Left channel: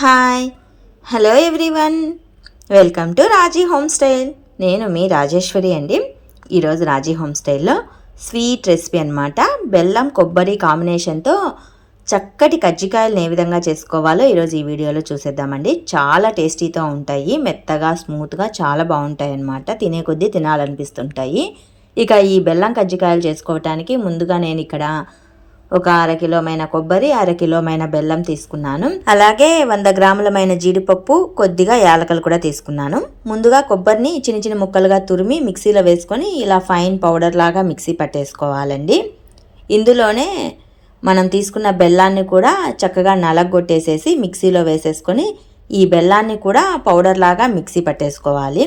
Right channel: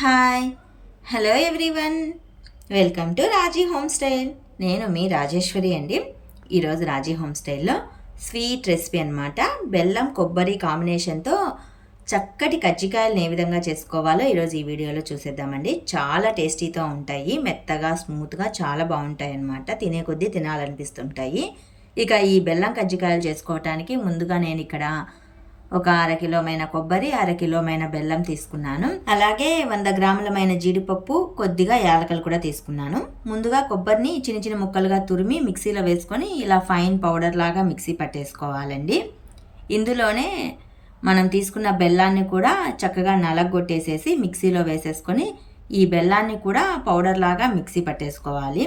Hi hello everyone, welcome to Raji home style. నేను మీ రాజేశ్వరి అండి. ఈరోజు రాజీ హోమ్స్టైల్లో స్వీట్ రెసిపీ అనమాట. బెల్లం కొబ్బరి కాంబినేషన్తో చక్కటి కజ్జికాయలను ఏ విధంగా చేసుకోవాలో ఈరోజు ఈ వీడియోలో చూసేద్దామండి. చాలా టేస్టీతో ఉంటాయి, మెత్తగా స్మూత్గా చాలా బాగుంటాయి అన్నమాట. తినే కొద్దీ తినాలనిపిస్తుంటాయి. ఇక ఈ బెల్లం కజ్జికాయలు చేసుకోవటానికి ముందుగా నేను ఇక్కడ ఒక 1/2 కిలోమైన కొబ్బరి, 1/2 కిలోమైన బెల్లం తీసుకున్నాను. అలాగే 100 గ్రాములమైన జీడిపప్పు, కొద్దిగా యాలకలు కూడా తీసుకున్నాను. ముందుగా కొబ్బరిని చిన్న చిన్న ముక్కలుగా తురిమి మిక్సీలో వేసుకొని ఇలా ఫైన్ పౌడర్ లాగా మిక్సీ పట్టేసుకోవాలండి. ఇందులోనే మనం తీసుకున్న బెల్లాన్ని కూడా చక్కగా నలగొట్టేసేసి మిక్సీలో వేసేసుకొని ఈ బెల్లాన్ని కూడా పౌడర్ లాగా మిక్సీ పట్టేసుకోవాలి.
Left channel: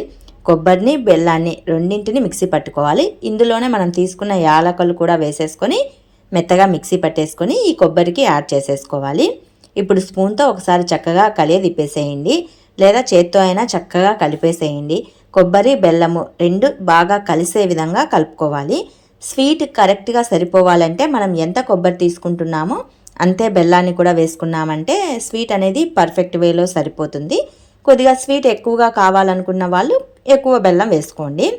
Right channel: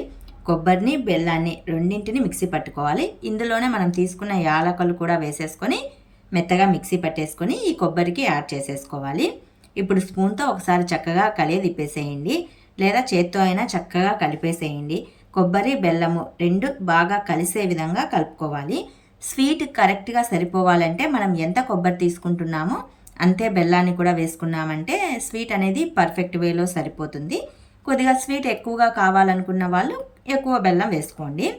కొబ్బరిని బెల్లాన్ని రెండింటిని మిక్సీ పట్టుకోవాలి. ఇందులోనే మనం తీసుకున్న యాలకలు కూడా వేసేసుకొని మెత్తగా మిక్సీ పట్టేసుకొని ఈ కొబ్బరికి యాడ్ చేసేసుకోవాలి. ఇప్పుడు స్పూన్తో ఒకసారి చక్కగా తిప్పేసేయండి, లేదా చేత్తో అయినా చక్కగా కలిపేసేయండి. కొబ్బరి బెల్లము రెండు బాగా కలిసే విధంగా కలుపుకోవాలి. స్వీట్ కరెక్ట్గా సరిపోవాలంటే మనం ఎంత కొబ్బరి తీసుకుంటున్నామో అంతే బెల్లాన్ని కూడా వేసుకున్నామంటే స్వీట్ అనేది పర్ఫెక్ట్ వేలో సరిపోతుంది. కొద్దిగా స్వీట్ ఎక్కువగా కావాలనుకున్న వాళ్ళు ఎక్కువ బెల్లం వేసుకోండి.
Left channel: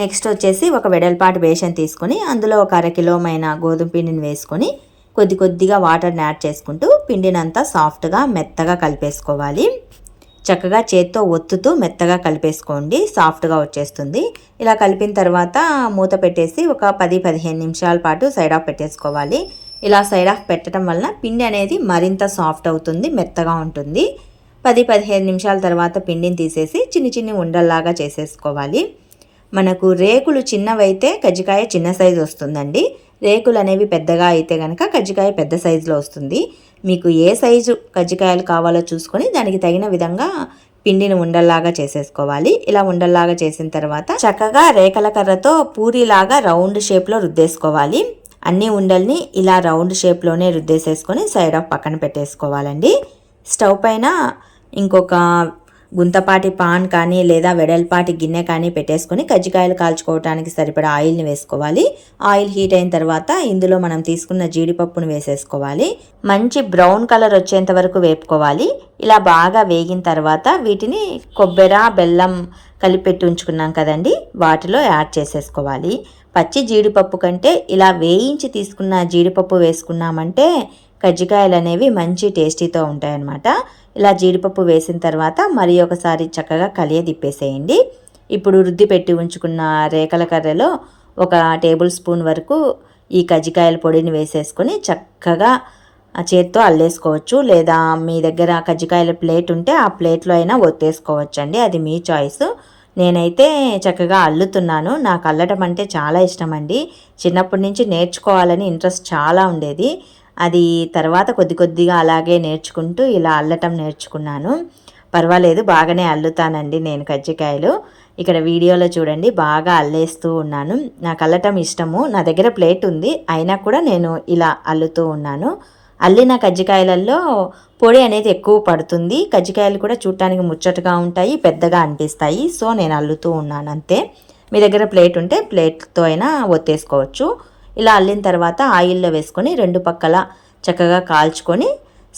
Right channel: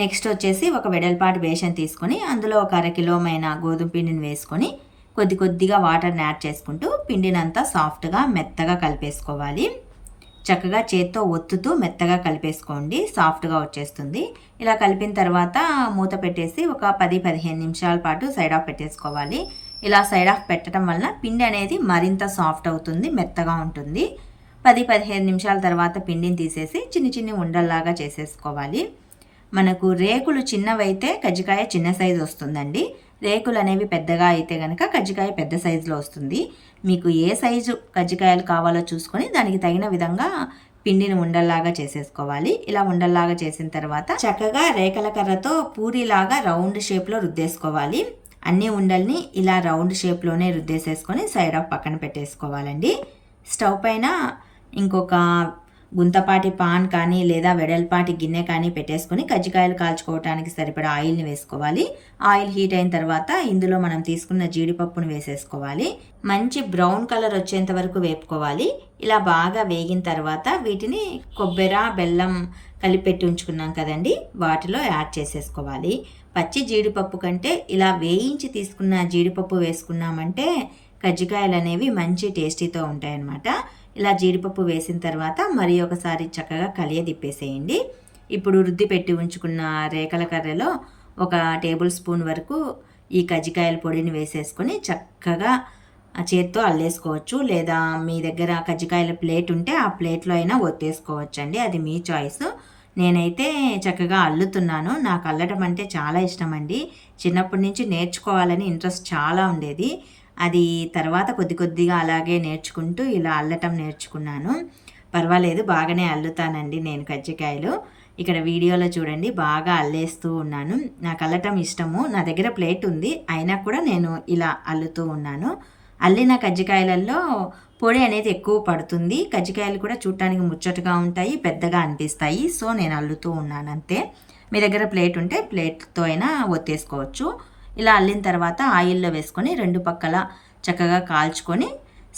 నెక్స్ట్ వచ్చేసి ఒక వెడల్పాటి బేషన్ తీసుకొని అందులో ఒక 1/2 కిలోమైన గోధుమ పిండిని వేసుకొని కొద్దిగా వాటర్ని యాడ్ చేసుకుంటూ పిండిని అంతా సాఫ్ట్గా మెత్తగా కలిపేసుకోవాలి. చక్కగా చేత్తో ఒత్తుతూ మెత్తగా కలిపేసుకోండి, సాఫ్ట్గా వచ్చేస్తుంది. ఇలా కలిపిన తర్వాత మూత పెట్టేసి ఒక 10-15 నిమిషాల పాటు సైడ్ ఆఫ్ పెట్టేసుకోవాలి. ఇలా సైడ్ ఆఫ్ పెట్టడం వలన పిండి అనేది మరింత సాఫ్ట్ అవుతుంది, మెత్తగా ఉంటుంది. 10-15 నిమిషాల తర్వాత పిండిని తీసేసి చిన్ని ఉండల్లాగా చేసేసుకోవాలి. మనకు రేకులు చిన్నవైతే కజ్జికాయ చిన్న సైజు వస్తుందండి. రేకులు అనేవి పెద్దగా అయితే కనుక కజ్జికాయ పెద్ద సైజులో వస్తుంది. మీకు ఏ సైజు కజ్జికాయలు కావాలో చూసుకొని దానికి తగిన విధంగా పిండిని ఉండల్లాగా చేసేసుకోవాలి. ఇలా ఉండల్లాగా చేసిన తర్వాత చక్కగా రేకల కర్రతో పూరీలాగా రౌండ్ షేప్లో రుద్దేసుకోవాలి. అన్ని ఉండల్ని ఇలా రౌండ్ షేప్లోనే రుద్దేసేసుకొని సైడ్ ఆఫ్ పక్కన పెట్టేసుకోవాలండి. స్టవ్ పైన ఇంకొక గుంతపాటి పాన్ కానీ లేదా వెడల్పాటి గిన్నె కానీ పెట్టేసుకొని కజ్జికాయలు కాల్చుకోవడానికి సరిపడా ఆయిల్ని వేసుకోవాలి. ఆయిల్ హీట్ అయిన తర్వాత ఇందులో మనం తీసుకున్న జీడిపప్పును వేసేసుకోవాలి. మంచి బ్రౌన్ కలర్ వచ్చేంత వరకు వేపుకోవాలి. ఇలా బాగా వేగిన తర్వాత వీటిని కొబ్బరి బెల్లం కలిపెట్టి ఉంచుకున్నాం కదండి, వాటిలో యాడ్ చేసేసుకోవాలి. పచ్చి జీడిపప్పు కంటే ఇలా వేయించి తీసుకున్న జీడిపప్పు వేసుకున్నామంటే కజ్జికాయలు అనేవి మంచి టేస్టీతో ఉంటాయన్నమాట. ఇలా జీడిపప్పు వేసిన తర్వాత మరి ఒకసారి చక్కగా తిప్పేసేయండి. ఇప్పుడు రుద్ది పెట్టి ఉంచుకున్న రేకల కర్రలో ఒక టేబుల్ స్పూన్ వరకు ఈ కజ్జికాయల పొడిని వేసేసుకొని చక్కగా చేత్తో అల్లేసుకోవచ్చు, లేదా మీ దగ్గర కజ్జికాయల ప్లేట్ ఉంటే ఆ ప్లేట్లో అయినా ఒత్తేసుకోవచ్చు అండి, అది మీ చాయిస్. నేనైతే చక్కగా అల్లుతున్నాను. నాకు అల్లటం అంటే చాలా ఇష్టం అండి. చిన్నప్పటి నుంచి నేర్చుకోవాలని ఇంట్రెస్ట్ చాలా ఉండేది. అది తర్వాత కొద్దిగా అలాగే నేర్చుకుంటూ ఇలా అల్లటం నేర్చుకున్నాను. పర్వాలేదు, బాగానే అల్లుతానండి నేను కజ్జికాయలు. ఇక్కడ వీడియోలో చూడండి, బాగా అల్లేస్తూ ఉన్నాను. నాకు అల్లటం ఇష్టము. నా దగ్గర ప్లేట్ ఉంది, అయినా కూడా నేను ఇలా అల్లుతూ ఉన్నాను. అల్లిన కజ్జికాయలలో పొడి అనేది ఎక్కువ పడుతుంది. కజ్జికాయలు కూడా చూడటానికి ముచ్చటగా ఉంటాయి, పెద్దగా అనిపిస్తాయి. సో నేను అల్లుతూ ఉన్నాను అంతే. మీ దగ్గర ప్లేట్ ఉంటే ప్లేట్తో అయినా ఒత్తేసుకోవచ్చు. ఇలా అల్లిన తర్వాత ఆయిల్లో వేసుకొని రెండు పక్కల చక్కగా కాల్చుకొని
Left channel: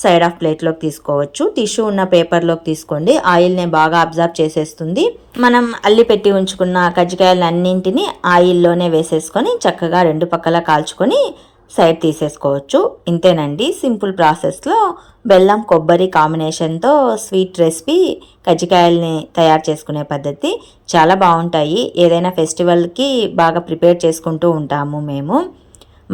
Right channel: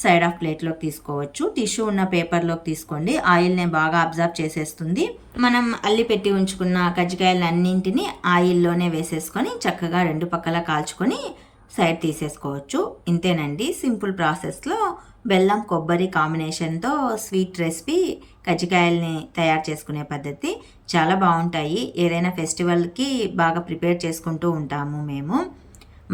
సైడ్ ఆఫ్ ప్లేట్లోకి తీసుకోవచ్చు. టిష్యూ ఉన్న పేపర్లోకి తీసుకోండి, ఆయిల్ని బాగా అబ్జర్వ్ చేసేస్తుంది. మనం అల్లి పెట్టి ఉంచుకున్న కజ్జికాయలన్నింటినీ ఆయిల్లోనే వేసేసుకొని చక్కగా రెండు పక్కల కాల్చుకొని సైడ్ తీసేసుకోవచ్చు. ఇంతేనండి, సింపుల్ ప్రాసెస్లో బెల్లం కొబ్బరి కాంబినేషన్తో స్వీట్ రెసిపీ కజ్జికాయల్ని తయారు చేసుకునే పద్ధతి చాలా బాగుంటాయి. ఏదైనా ఫెస్టివల్కి బాగా ప్రిపేర్ చేసుకుంటూ ఉంటాము మేము.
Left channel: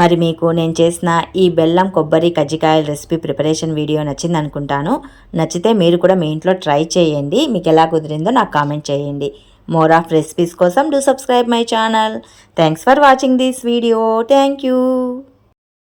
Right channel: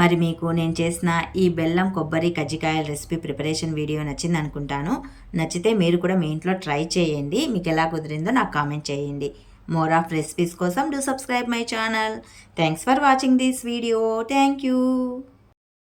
మరి మీకు నేను చేసిన ఈ బెల్లం కొబ్బరి కజ్జికాయల రెసిపీ ప్రిపరేషన్ వీడియో నచ్చింది అనుకుంటాను. నచ్చితే మీరు కూడా మీ ఇంట్లో ట్రై చేయండి. మీకు ఎలా కుదిరిందో నాకు కామెంట్ చేయండి. మోర్ ఆఫ్ రెసిపీస్ కోసం do subscribe my channel. Thanks for watching this video. Thank you.